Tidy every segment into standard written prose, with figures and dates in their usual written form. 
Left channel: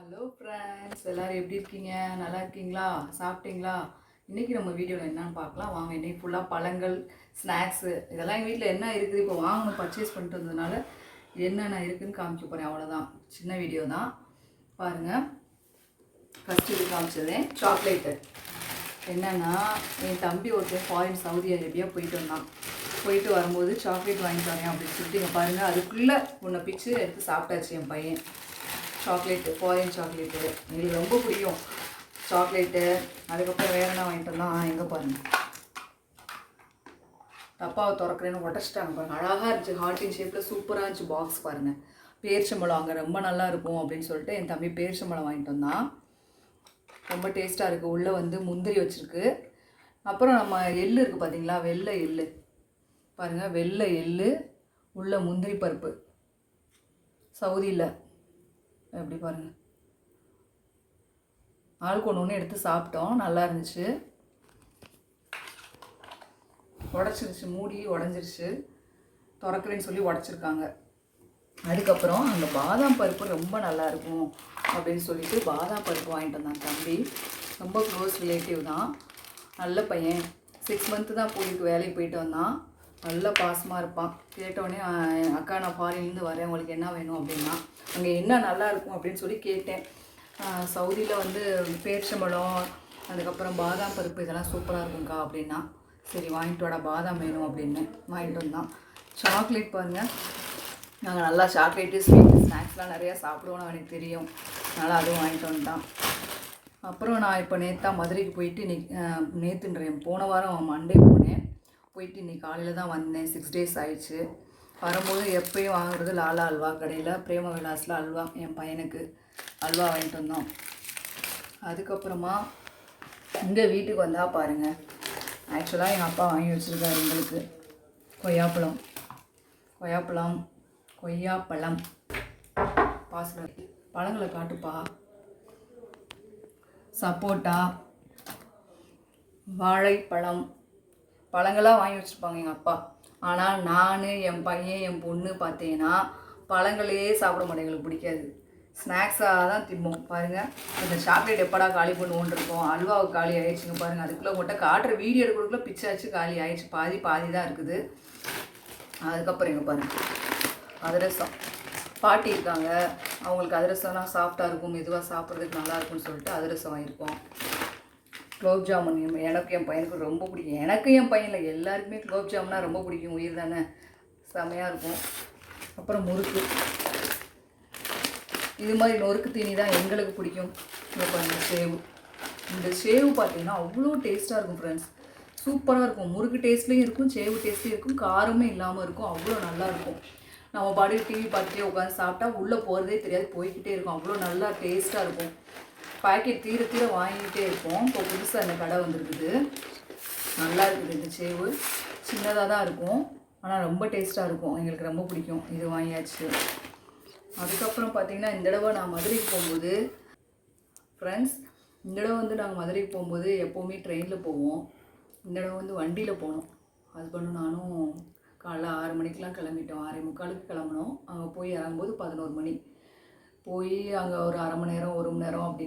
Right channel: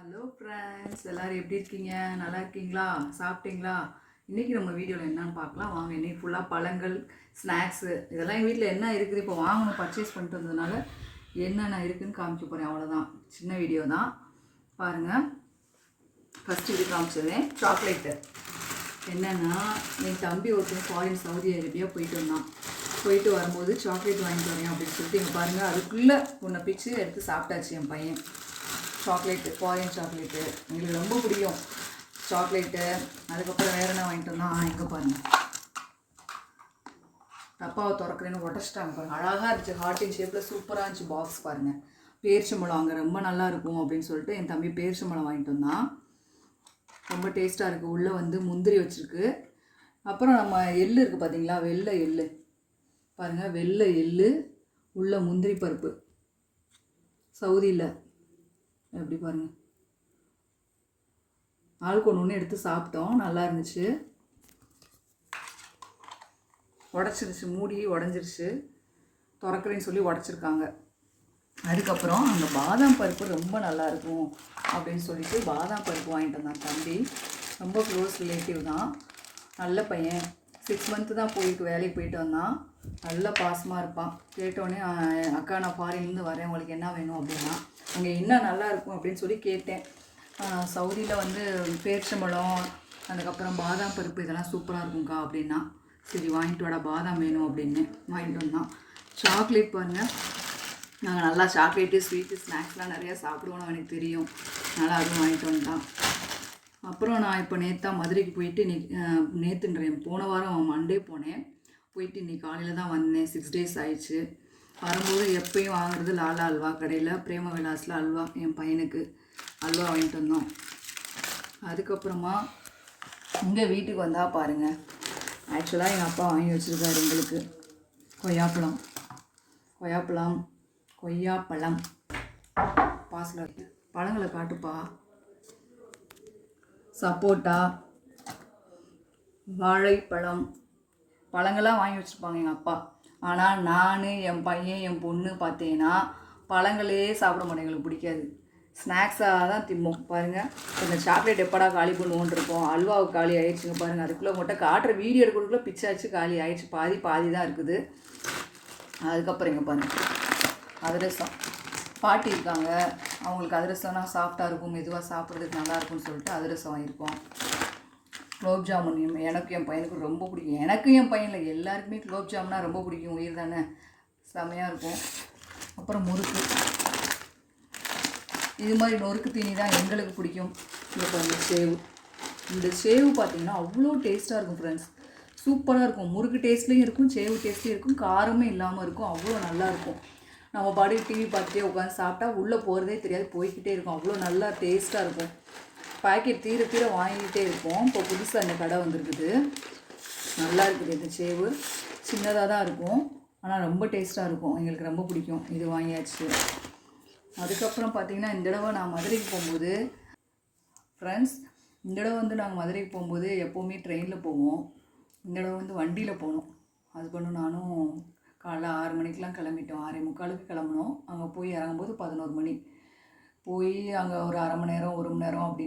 Hello friends, எல்லோரும் எப்படி இருக்கீங்க? நல்லா இருக்கீங்களா? சாப்பிட்டீங்களா? இன்றைக்கி நம்ம வீடியோவில் என்னென்னு பார்க்கலாம் வாங்க. இன்றைக்கி ஃபுல்லாக பழங்கள், ஸ்நாக்ஸு இதெல்லாம் எங்கள் வீட்டில் என்ன இருக்குது இப்போ வாங்கணும் பர்ச்சேஸ் பண்ணிட்டு வந்ததுனால என்னென்ன இருக்குதுன்னு காமிக்க போகிறேன். அவ்வளோதான், சின்ன வீடியோ தான் பாருங்கள். ஃபஸ்ட்டு இது காமிச்சதேன் சாக்லேட்டு. என்னென்னா என் தம்பி ஒருத்தர் ஃபாரின் சவுதி அரேபியா போயிட்டு வரும்போது சாக்லேட் வாங்கிட்டு வரேன் அப்படின்னு சொல்லிட்டு இங்கே பாருங்கள், அதுக்குள்ளே ஒன்றை பிச்சு எடுத்து சாப்பிட்டாச்சு என் பையன். சாக்லேட்டு, ஃபாரின் சாக்லேட்டு எங்களுக்கு ரொம்ப பிடிக்கும் சாக்லேட்டு. அதுக்கப்புறம் வேறு என்ன வாங்கிட்டு வந்தோம், எங்கே பாருங்கள் டப்பாவை திறக்கிறேன்னு உடச்சிட்டாங்க பாருங்கள். அழகாக இருந்துச்சு, ஹார்ட்டின் ஷேப்பில் சூப்பராக இருந்துச்சு பாக்ஸ் பாருங்கள். பேரிச்சம்பழம் அங்கே ரொம்ப நல்லா இருக்கும் அப்படின்னு சொல்லிட்டு என் தம்பி பேரிச்சம்பழம் வாங்கிட்டு வந்தான். ரொம்ப டேஸ்ட்டாக இருக்குது. உள்ளே வந்து முந்திரி வச்சுருக்கு. அப்புறம் நம்ம எள்ளு இருக்குது பார்த்தீங்களா, வெள்ளை எள்ளு பாருங்கள், வெள்ளை எள்ளு உள்ள முந்திரி பருப்பு சவுதியில் எப்படி பாருங்கள். ஆளுக்கு ஒன்று எடுத்து சாப்பிட்டோம், நல்லா இருந்துச்சு. உடச்சிருச்சு, மூடி உடஞ்சிருச்சு, திறக்கிறேன்னு சொல்லி உடச்சிருக்காங்க. அதுக்கப்புறம் அந்த பாதாம் பருப்பு ரொம்ப நல்லாயிருக்கும் அப்படின்னு சொல்லிட்டு பாதாம் பருப்பு வாங்கிட்டு வந்தான் தம்பி. ரொம்ப க்ளோஸ் ரிலேட்டிவ் தான், நல்ல பையன். 6 மந்த்து தான் வேலைக்கு போயிட்டு வந்தான். நல்ல பாசமாக இருப்பான். கேட்டோடனே அக்கா நான் ஃபாரின்லேருந்து வரேன், உங்களுக்கு என்ன வேணும் அப்படின்னா அங்கே என்ன நல்லா இருக்கும் அப்படின்னு சொல்லி கேட்டேன். சவுதியில் வந்து பேரிச்சம்பழம், அதுக்கப்புறம் பாதாம் பருப்பு இதெல்லாம் சூப்பராக இருக்கும்க்கா அப்படின்னா. சரி வாங்கிட்டு வாடா, பாதாம் வேணும் அப்படின்னு வாங்கிட்டு வந்தான். சாக்லேட் பாருங்கள், நாங்கள் நல்லா சாக்லேட்டு, ஸ்வீட்டு, ஸ்நாக்ஸ்லாம் நிறையா சாப்பிடுவோன்னு எனக்கு தெரியும், நல்லா அதுவும் வாங்கிட்டு வந்துட்டான். அப்புறம் நான் இப்போ மதுரைக்கு போயிட்டு நேற்றுன்றேன், போன வாரம் மண்டே போனேன். போயிட்டு இன்றைக்கி காலையில் தான் வந்தேன். 6 டேஸ் ஆயிடுச்சு. வரும்போது எப்பயும் வாங்குறது லாலா அல்வா கடையில், பிரேம விலாஸில் அல்வா என் பையனுக்கு அல்வா வாங்கிட்டு வந்தோம். அதுக்கப்புறமா இங்கே வீட்டுக்கு வந்தால் பாருங்கள், ஆக்சுவலாக எங்கள் அப்பா வாங்கி வச்சுருக்காரு எங்களுக்கு கொய்யாப்பழம் பாசில் பழங்களை காட்டுப்பா. சப்போட்டா, வாழைப்பழம், பழங்களாக வாங்கி வச்சுருப்பாங்க எங்கள் அப்பா. ஆனால் நான், என் பையன், என் பொண்ணு பார்த்தீங்கன்னா பழங்களே சாப்பிட மாட்டேன், எங்களுக்கு பிடிக்காது. ஸ்நாக்ஸாக தான் திம்போம். பாருங்கள், இந்த சாக்லேட் எப்படா காலி பண்ணுவோன்னு இருக்கும். அல்வாவுக்கு காலி ஆகிடுச்சுங்க பாருங்கள். அதுக்குள்ளே மட்டும் காட்டுற வீடியோ எடுக்கிறதுக்குள்ளே பிச்சாச்சு, காலி ஆகிடுச்சு. பாதி தான் இருக்குது. அதுக்கப்புறம் இங்கே பாருங்கள், அதிரசம். பாட்டி இருக்காங்க, அவங்களுக்கு அதிரசம்னா சாஃப்டாக இருக்கும், மெதுவாக சாப்பிட்றதுக்கு நல்லாயிருக்கும்னு சொல்லிட்டு அதிரசம் வாங்கியிருக்கோம். குலோப் ஜாமுன் எனக்கு என் பையனுக்கு ரொம்ப பிடிக்கும். எனக்கு என் பையனில் எல்லாருக்குமே குலோப் ஜாமுன்னா ரொம்ப பிடிக்கும், உயிர் தானே, செம்மையாக இருக்கும். அப்புறம் முறுக்கு, இது மாதிரி நொறுக்கு தீனி தான் எங்களுக்கு பிடிக்கும். இந்த சேவு, இந்த சேவு பார்த்திங்கன்னா அவ்வளோ டேஸ்ட்டாக இருக்கும் ஃப்ரெண்ட்ஸ், சூப்பராக இருக்கும். முறுக்கு டேஸ்ட்லேயும் இருக்கும், சேவு டேஸ்ட்லேயும் இருக்கும், காரமே இல்லாமல் இருக்கும், அவ்வளோ நல்லாயிருக்கும். நம்ம பாடி டிவி பார்த்துட்டே உட்காந்து சாப்பிட்டா உள்ளே போகிறதே தெரியாது, போய்கிட்டே இருக்கும், அவ்வளோ நல்லா டேஸ்ட்டாக இருக்கும். பாக்கெட் தீர வாங்கிக்கிட்டே இருப்போம். இப்போ புதுசாக இந்த கடை வந்துருக்குது, நல்லா இருக்குது. இந்த சேவு சின்னதாக தான் இருக்கும், ஆனால் ரொம்ப டேஸ்ட்டாக இருக்கும், எங்களுக்கு ரொம்ப பிடிக்கும். இது வாங்கியாச்சு. அதுக்கப்புறம் பார்த்திங்கன்னா இந்த தடவை நான் மதுரைக்கு போகும்போது ஃப்ரெண்ட்ஸ், இந்த தடவை வந்து நாங்கள் மதுரைக்கு போகும்போது எப்போவுமே ட்ரெயினில் போவோம். இந்த தடவை வந்து வண்டியில் போனோம். ஹஸ்பண்டும் நானும் காலைல 6 மணிக்கெலாம் கிளம்பிட்டோம். 6:45 கிளம்பினோம். அங்கே போய் இறங்கும்போது 11 மணி. போய் அங்கே ஒரு அரை மணி நேரம் 1 மணி நேரம் அப்படி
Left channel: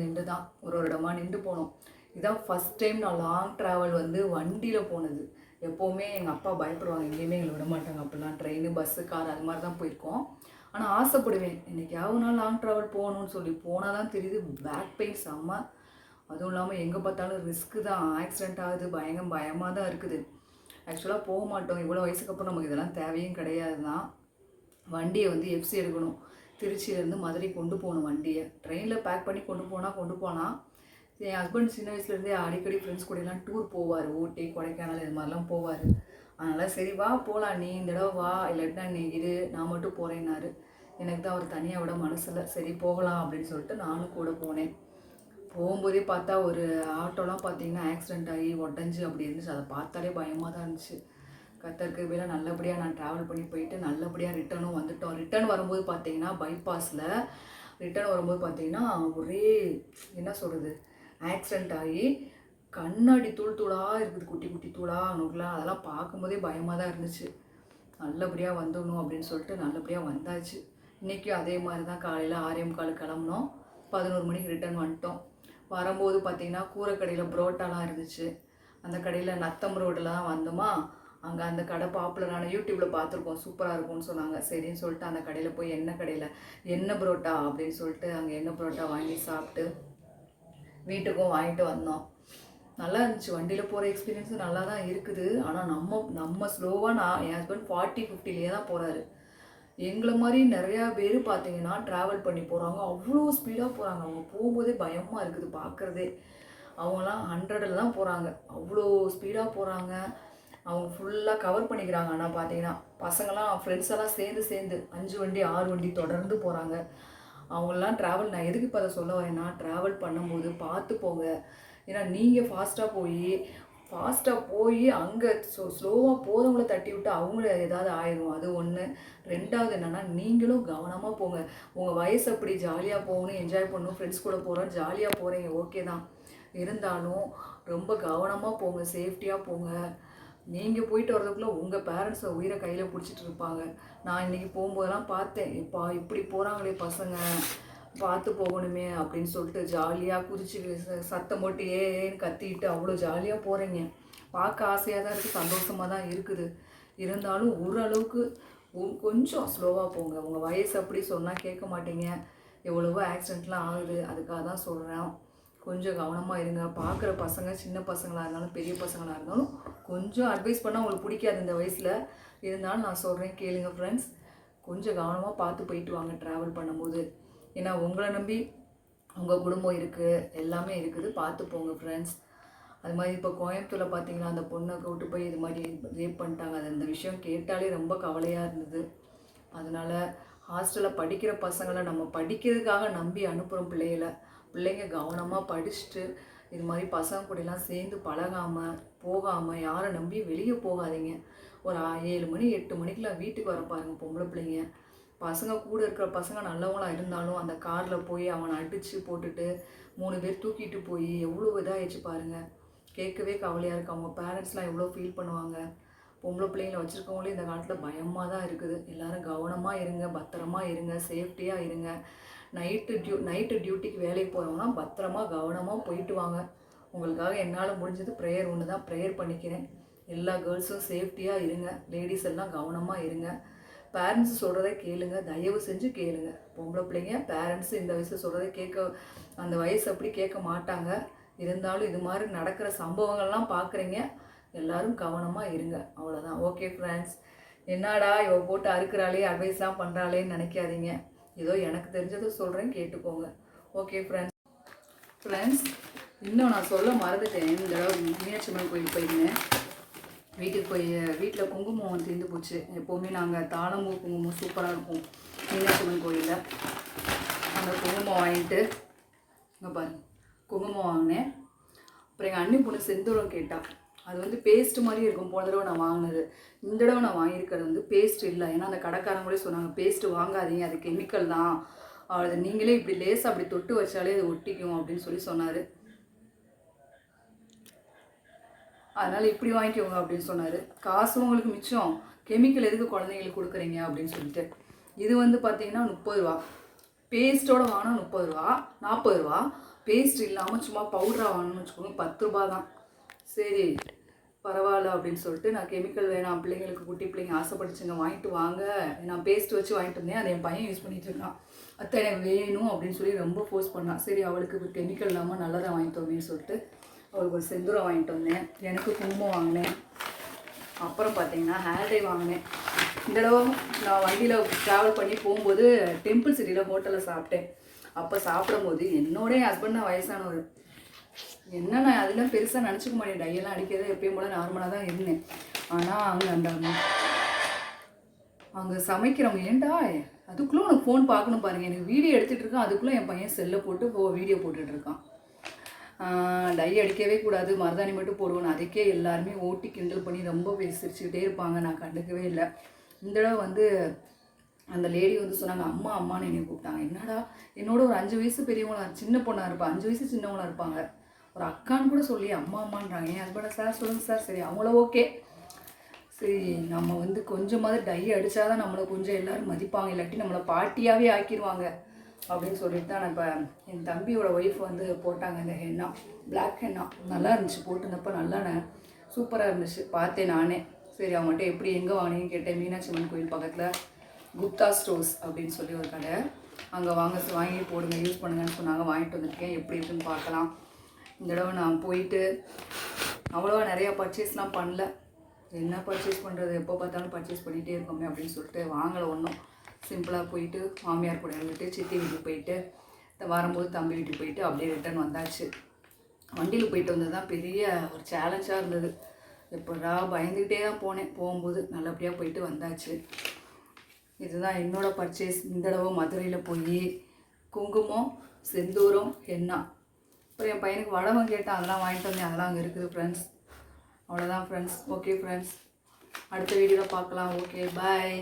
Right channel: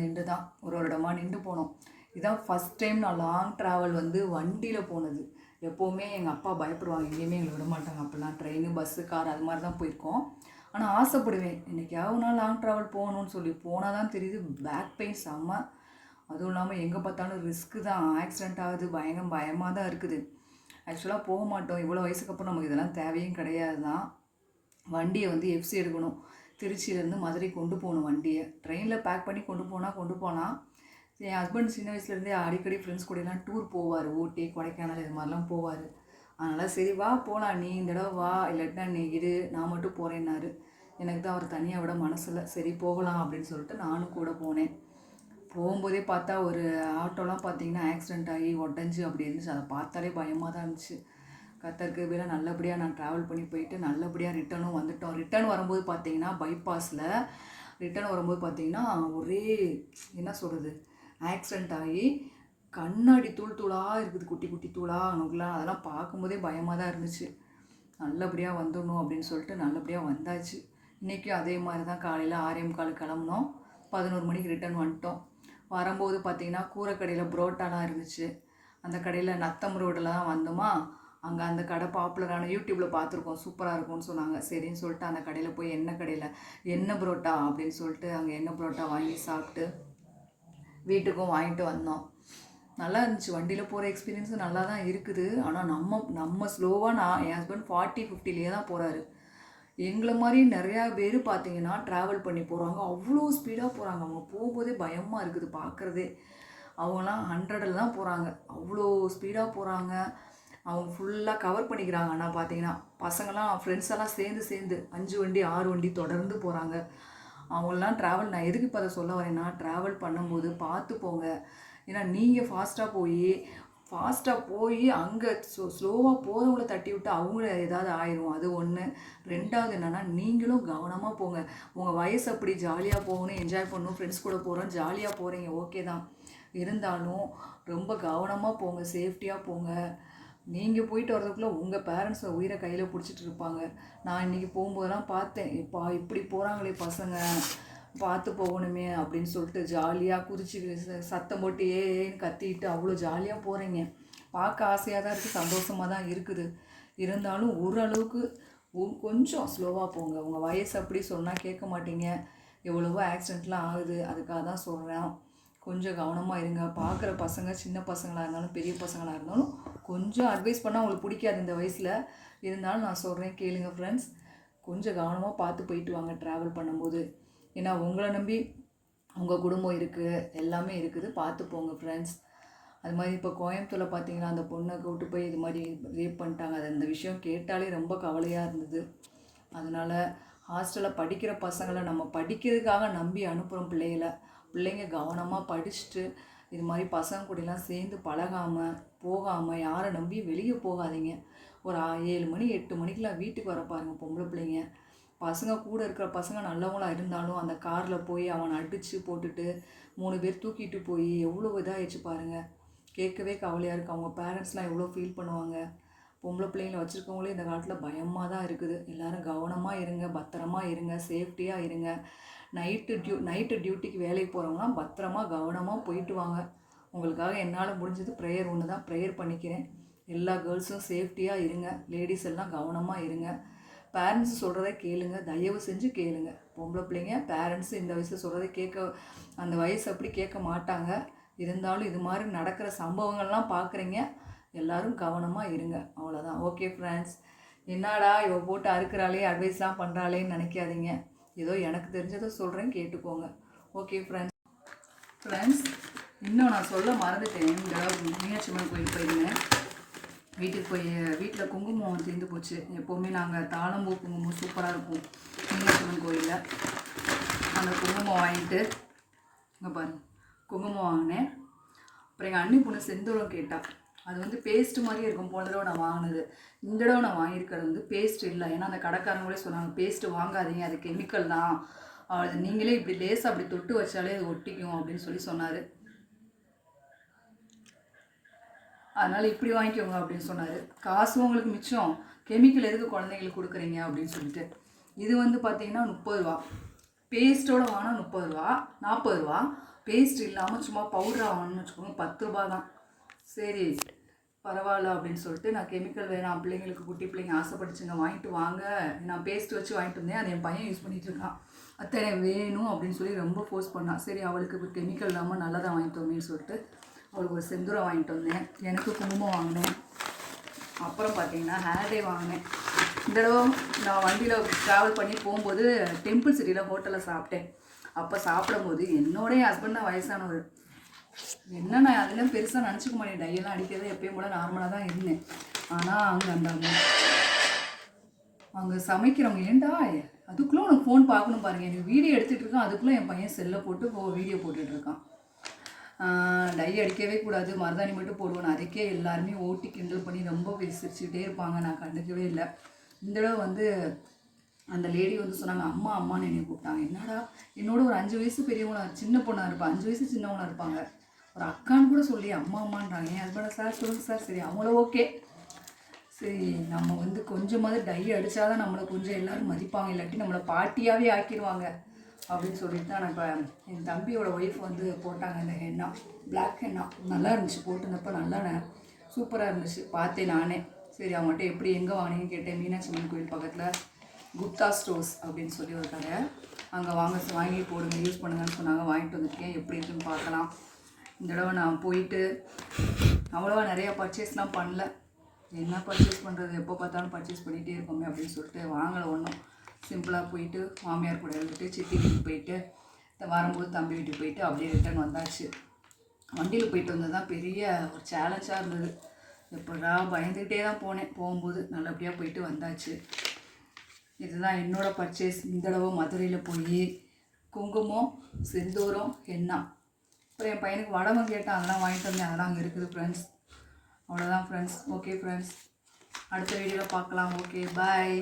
நின்று தான் ஒரு இடமா நின்று போனோம். இதுதான் ஃபஸ்ட் டைம் நான் லாங் ட்ராவல் வந்து வண்டியில் போனது. எப்போவுமே எங்கள் அப்பா பயப்படுவாங்க, எங்கேயுமே எங்களை விட மாட்டாங்க. அப்போல்லாம் ட்ரெயின், பஸ்ஸு, கார் அது மாதிரி தான் போயிருக்கோம். ஆனால் ஆசைப்படுவேன், என்றைக்காவது நான் லாங் ட்ராவல் போகணுன்னு சொல்லி. போனால் தான் தெரியுது பேக் பெயின் செம்ம. அதுவும் இல்லாமல் எங்கே பார்த்தாலும் ரிஸ்க்கு தான், ஆக்சிடெண்ட் ஆகுது, பயமாக தான் இருக்குது. ஆக்சுவலாக போக மாட்டோம், இவ்வளோ வயசுக்கு அப்புறம் நமக்கு இதெல்லாம் தேவையும் கிடையாது தான். வண்டியை வந்து எஃப்சி எடுக்கணும், திருச்சியிலேருந்து மதுரை கொண்டு போகணும். வண்டியை ட்ரெயினில் பேக் பண்ணி கொண்டு போனால் என் ஹஸ்பண்ட் சின்ன வயசுலேருந்தே அடிக்கடி ஃப்ரெண்ட்ஸ் கூடலாம் டூர் போவார், ஊட்டி, கொடைக்கானல் இது மாதிரிலாம் போவார். அதனால் சரி வா போகலாம், நீ இந்த தடவை வா, இல்லாட்டினா நீ இரு, நான் மட்டும் போகிறேன்னாரு. எனக்கு தான் அவர் தனியாக விட மனசில், சரி போகலாம் அப்படின்னு சொல்லிட்டு நானும் கூட போனேன். போகும்போதே பார்த்தா ஒரு ஆட்டோலாம் பார்த்திங்கன்னா ஆக்சிடெண்ட் ஆகி உடஞ்சி அப்படி இருந்துச்சு. அதை பார்த்தாலே பயமாக தான் இருந்துச்சு. கத்தருக்கு வேலை நல்லபடியாக நான் ட்ராவல் பண்ணி போயிட்டு நல்லபடியாக ரிட்டனும் வந்துட்டோம். ரிட்டன் வரும்போது பார்த்திங்கன்னா பைபாஸில் ரிட்டன் வரும்போது பார்த்திங்கன்னா ஒரே என்ன சொல்கிறது, ஆக்சிடெண்ட் ஆகி கண்ணாடி தூளாக இருக்குது, குட்டி குட்டி தூளாக அணுகலாம். அதெல்லாம் பார்க்கும்போதே பயமாக தான் இருந்துச்சு. நல்லபடியாக வந்துடணும் அப்படின்னு சொல்லிட்டு நல்லபடியாக வந்தாச்சு. இன்றைக்கும் அதே மாதிரி தான் காலையில் 6:45 கிளம்புனோம். 11 மணிக்கு ரிட்டர்ன் வந்துட்டோம். வரும்போது பார்த்திங்கன்னா கூரைக்கடையில் புரோட்டாலாம் இருந்துச்சு. அந்த கடையில் நத்தம் ரோட்டில் தான் வந்தோமா, அங்கே அந்த கடை பாப்புலரான யூடியூப்பில் பார்த்துருக்கோம், சூப்பராக இருக்கும்னு சொன்னாங்க. சரின்னு சொல்லிட்டு அந்த கடையில் போய் எண்ணெய் புரோட்டா அப்படின்னு சொல்லிட்டு அங்கே எண்ணெய் புரோட்டா வாங்கி சாப்பிட்டு வீட்டுக்கும் வாங்கிட்டு வந்தோம். நல்லா இருந்துச்சு. வண்டியில் போகிற எக்ஸ்பீரியன்ஸும் நல்லா தான் இருக்குது. ஆனால் நம்ம ஸ்லோவாக என் ஹஸ்பண்ட் 40-50லேயே தான் போகிறாரு. எங்களை மாதிரி நிறையா பேர் பார்த்தீங்கன்னா ட்ராவல் பண்ணி போகிறாங்க. அவ்வளோ ஸ்பீடாக போகிறாங்க. அவங்க போகும்போதே பயமாக இருக்குது பார்க்குறதே. அவங்களாம் 100ல் தான் போகிறாங்க. அவ்வளோ ஸ்பீடாக போகிறாங்க. அவங்க ஃபுல்லாக கவர் பண்ணிக்கிறாங்க. ஆனால் பார்த்தீங்கன்னா பசங்களாம் ஃப்ரெண்ட்ஸ் எல்லாம் சேர்ந்து 5 வண்டி 6 வண்டி தொடர்ந்து போகிறாங்க. அவங்களெலாம் ட்ராவல் நான் எதுக்கு இப்போ அதை சொல்ல வரேன்னா, ட்ராவல் பண்ணும்போது பார்த்து போங்க. ஏன்னா நீங்கள் ஃபாஸ்ட்டாக போய் அங்கே ஸ்லோவாக போகிறவங்கள தட்டி விட்டு அவங்கள ஏதாவது ஆயிடும். அது ஒன்று. 2வது என்னென்னா, நீங்களும் கவனமாக போங்க. உங்கள் வயசு அப்படி ஜாலியாக போகணும், என்ஜாய் பண்ணணும், ஃப்ரெண்ட்ஸ் கூட போகிறோம், ஜாலியாக போகிறீங்க, ஓகே தான். இருந்தாலும் ரொம்ப கவனமாக போங்க, சேஃப்டியாக போங்க. நீங்கள் போயிட்டு வர்றதுக்குள்ளே உங்கள் பேரண்ட்ஸை உயிரை கையில் பிடிச்சிட்டு இருப்பாங்க. நான் இன்றைக்கி போகும்போதெல்லாம் பார்த்தேன், இப்படி போகிறாங்களே பசங்க, பார்த்து போகணுமே அப்படின்னு சொல்லிட்டு ஜாலியாக குதிச்சு சத்தம் போட்டு ஏன்னு கத்திக்கிட்டு அவ்வளோ ஜாலியாக போகிறீங்க. பார்க்க ஆசையாக தான் இருக்குது, சந்தோஷமாக தான் இருக்குது. இருந்தாலும் ஓரளவுக்கு கொஞ்சம் ஸ்லோவாக போங்க. உங்கள் வயசு அப்படி சொன்னால் கேட்க மாட்டீங்க. எவ்வளவோ ஆக்சிடெண்ட்லாம் ஆகுது. அதுக்காக தான் சொல்கிறேன், கொஞ்சம் கவனமாக இருங்க. பார்க்குற பசங்க சின்ன பசங்களாக இருந்தாலும் பெரிய பசங்களாக இருந்தாலும் கொஞ்சம் அட்வைஸ் பண்ணால் உங்களுக்கு பிடிக்காது இந்த வயசில். இருந்தாலும் நான் சொல்கிறேன், கேளுங்க ஃப்ரெண்ட்ஸ். கொஞ்சம் கவனமாக பார்த்து போயிட்டு வாங்க ட்ராவல் பண்ணும்போது. ஏன்னா உங்களை நம்பி உங்கள் குடும்பம் இருக்குது, எல்லாமே இருக்குது. பார்த்து போங்க ஃப்ரெண்ட்ஸ். அது மாதிரி இப்போ கோயம்புத்தூரில் பார்த்தீங்கன்னா அந்த பொண்ணை கூப்பிட்டு போய் இது மாதிரி ரேப் பண்ணிட்டாங்க. அது அந்த விஷயம் கேட்டாலே ரொம்ப கவலையாக இருந்தது. அதனால் ஹாஸ்டலில் படிக்கிற பசங்களை நம்ம படிக்கிறதுக்காக நம்பி அனுப்புகிறோம் பிள்ளைங்க கவனமாக படிச்சுட்டு இது மாதிரி பசங்க கூடலாம் சேர்ந்து பழகாமல் போகாமல் யாரை நம்பி வெளியே போகாதீங்க. ஒரு 7 மணி 8 மணிக்கெலாம் வீட்டுக்கு வர பாருங்கள் பொம்பளை பிள்ளைங்க. பசங்க கூட இருக்கிற பசங்க நல்லவங்களாக இருந்தாலும் அந்த காரில் போய் அவனை அடித்து போட்டுட்டு 3 பேர் தூக்கிட்டு போய் எவ்வளோ இதாகிடுச்சு பாருங்கள். கேட்கவே கவலையாக இருக்குது. அவங்க பேரண்ட்ஸ்லாம் எவ்வளோ ஃபீல் பண்ணுவாங்க. பொம்பளை பிள்ளைங்களை வச்சுருக்கவங்களே இந்த காலத்தில் பயமாக தான் இருக்குது. எல்லோரும் கவனமாக இருங்க, பத்திரமா இருங்க, சேஃப்டியாக இருங்க. நைட்டு டியூட்டிக்கு வேலைக்கு போகிறவங்களாம் பத்திரமா கவனமாக போயிட்டு வாங்க. உங்களுக்காக என்னால் முடிஞ்சது ப்ரேயர் ஒன்று தான், ப்ரேயர் பண்ணிக்கிறேன். எல்லா கேர்ள்ஸும் சேஃப்டியாக இருங்க, லேடிஸ் எல்லாம் கவனமாக இருங்க. பேரண்ட்ஸ் சொல்கிறத கேளுங்க, தயவு செஞ்சு கேளுங்க. பொம்பளை பிள்ளைங்க பேரண்ட்ஸ் இந்த வயசில் சொல்கிறத அந்த வயசு அப்படி கேட்க மாட்டாங்க. இருந்தாலும் இது மாதிரி நடக்கிற சம்பவங்கள்லாம் பார்க்குறீங்க, எல்லோரும் கவனமாக இருங்க. அவ்வளோதான். Okay friends. என்னடா இவ போட்டு அறுக்கிறாளே, அட்வைஸ்லாம் பண்ணுறாளேன்னு நினைக்காதீங்க. ஏதோ எனக்கு தெரிஞ்சதை சொல்கிறேன், கேட்டுக்கோங்க. ஓகே ஃப்ரெண்ட்ஸ், இன்னும் நான் சொல்ல மறந்துட்டேன். இந்த தடவை மீனாட்சி அம்மன் கோயில் போயிருந்தேன். வீட்டில் குங்குமம் தீர்ந்து போச்சு. எப்போவுமே நாங்கள் தாளம்பூ குங்குமம் சூப்பராக இருக்கும் மீனாட்சி அம்மன் கோயிலில். அந்த குங்குமம் வாங்கிட்டு இங்கே பாருங்கள், குங்குமம் வாங்கினேன். அப்புறம் எங்கள் அண்ணி பொண்ணு செந்தூரம் கேட்டால், அது பேஸ்ட் மாதிரி இருக்கும். போன தடவை நான் வாங்கினது. இந்த தடவை நான் வாங்கியிருக்கிறது பேஸ்ட் இல்லை. ஏன்னா அந்த கடைக்காரங்களே சொன்னாங்க, பேஸ்ட்டு வாங்காதீங்க, அது கெமிக்கல் தான், அது நீங்களே இப்படி லேசாக அப்படி தொட்டு வச்சாலே அது ஒட்டிக்கும் அப்படின்னு சொன்னார். அதனால் இப்படி வாங்கிக்கோங்க அப்படின்னு சொன்னார். காசு உங்களுக்கு மிச்சம், கெமிக்கல் எதுக்கு குழந்தைங்களுக்கு கொடுக்குறீங்க அப்படின்னு சொல்லிட்டு. இது பார்த்தீங்கன்னா 30 ரூபா. பேஸ்ட்டோடு வாங்கினா 30 ரூபா, 40 ரூபா. பேஸ்ட் இல்லாமல் சும்மா பவுடராக வாங்கணும்னு வச்சுக்கோங்க, 10 ரூபா தான். சரி பரவாயில்ல அப்படின்னு சொல்லிட்டு, நான் கெமிக்கல் வேணாம், பிள்ளைங்களுக்கு குட்டி பிள்ளைங்க ஆசைப்பட்டுச்சுங்க, வாங்கிட்டு வாங்க. நான் பேஸ்ட் வச்சு வாங்கிட்டு வந்தேன், அதை என் பையன் யூஸ் பண்ணிகிட்டு இருக்கான். அத்தனை வேணும் அப்படின்னு சொல்லி ரொம்ப ஃபோர்ஸ் பண்ணான். சரி அவளுக்கு கெமிக்கல் இல்லாமல் நல்லதாக வாங்கிட்டு வந்தேன்னு சொல்லிட்டு அவளுக்கு ஒரு செந்தூரம் வாங்கிட்டு வந்தேன். எனக்கு குங்குமம் வாங்கினேன். அப்புறம் பார்த்தீங்கன்னா ஹேர் டே வாங்கினேன். இந்த தடவை நான் வண்டியில் ட்ராவல் பண்ணி போகும்போது டெம்பிள் சிட்டியில் ஹோட்டலில் சாப்பிட்டேன். அப்போ சாப்பிடும்போது என்னோடய ஹஸ்பண்ட் தான் வயசானவர். என்ன நான் அதெல்லாம் பெருசாக நினச்சிக்க மாட்டேன். டையெல்லாம் அடிக்கிறது எப்பயும் போல நார்மலாக தான் இருந்தேன். ஆனால் அங்கே சமைக்கிறவங்க, ஏன்டா அதுக்குள்ளே உனக்கு ஃபோன் பார்க்கணும் பாருங்கள், எனக்கு வீடியோ எடுத்துகிட்டு இருக்கான், அதுக்குள்ளே என் பையன் செல்லை போட்டு வீடியோ போட்டுட்ருக்கான். டை அடிக்கவே கூடாது, மருதாணி மட்டும் போடுவேன். அதுக்கே எல்லாருமே ஓட்டி கிண்டல் பண்ணி ரொம்ப சிரிச்சுக்கிட்டே இருப்பாங்க. நான் கண்டுக்கவே இல்லை. இந்த தடவை அந்த லேடி சொன்னாங்க, அம்மா அம்மான்னு என்னை கூப்பிட்டாங்க. என்னடா என்னோட ஒரு 5 வயசு பெரியவங்களா, சின்ன பொண்ணாக இருப்பாள், 5 வயசு சின்னவங்களாக இருப்பாங்க. ஒரு அக்கான்னு கூட சொல்லி அம்மா அம்மான்றாங்க. என் ஹஸ்பண்டை சார் சொல்லுங்கள் சார். சரி அவங்கள ஓகே. சரி நம்ம கொஞ்சமாவது டை அடித்தாதான் நம்மளை கொஞ்சம் எல்லோரும் மதிப்பாங்க, இல்லாட்டி நம்மளை பாட்டியாகவே ஆக்கிடுவாங்க. அப்படின்னு சொல்லிட்டு தான் நான் இப்போ என் தம்பியோட ஒய்ஃப் வந்து போட்டாங்க இந்த ஹென்னா, பிளாக் ஹென்னா. நல்லா இருந்துச்சு, போட்டுருந்தப்போ நல்லா சூப்பராக இருந்துச்சு. பார்த்தேன் நானே. சரி அவங்கள்ட்ட எப்படி எங்கே வாங்கினீங்கன்னு கேட்டேன். மீனாட்சி அம்மன் கோயில் பக்கத்தில் குப்தா ஸ்டோர்ஸ் அப்படின்னு சொல்லி ஒரு கடை, அங்கே வாங்கி போடுங்க, யூஸ் பண்ணுங்கன்னு சொன்னாங்க. வாங்கிட்டு வந்துருக்கேன், எப்படி இருக்குன்னு பார்க்கலாம். இந்த தடவை நான் போயிட்டு அவ்வளோவா நிறையா பர்ச்சேஸ்லாம் பண்ணல. என்ன பர்ச்சேஸ் பண்ணுறது, எப்போ பார்த்தாலும் பர்ச்சேஸ் பண்ணிகிட்டே இருக்கோமே அப்படின்னு சொல்லிட்டு வாங்கலை ஒன்றும். சிம்பிளாக போயிட்டு மாமியார் கூட இருந்துட்டு சித்தி வீட்டுக்கு போயிட்டு வரும்போது தம்பி வீட்டுக்கு போயிட்டு அப்படியே ரிட்டர்ன் வந்தாச்சு. வண்டியில் போயிட்டு வந்தது தான் பெரிய ஒரு சேலஞ்சாக இருந்தது. எப்படா பயந்துக்கிட்டே தான் போனேன். போகும்போது நல்லபடியாக போயிட்டு வந்தாச்சு. இதுதான் என்னோடய பர்ச்சேஸ். இந்த தடவை மதுரையில் போய் குங்குமம், செந்தூரம், ஹென்னா, அப்புறம் என் பையனுக்கு வடகம் கேட்டால் அதெல்லாம் வாங்கிட்டு வந்தேன். அதெல்லாம் அங்கே இருக்குது ஃப்ரெண்ட்ஸ். அவ்வளோதான் ஃப்ரெண்ட்ஸ். ஓகே ஃப்ரெண்ட்ஸ், அடுத்த வீடியோவில் பார்க்கலாம். ஓகே, பாய்.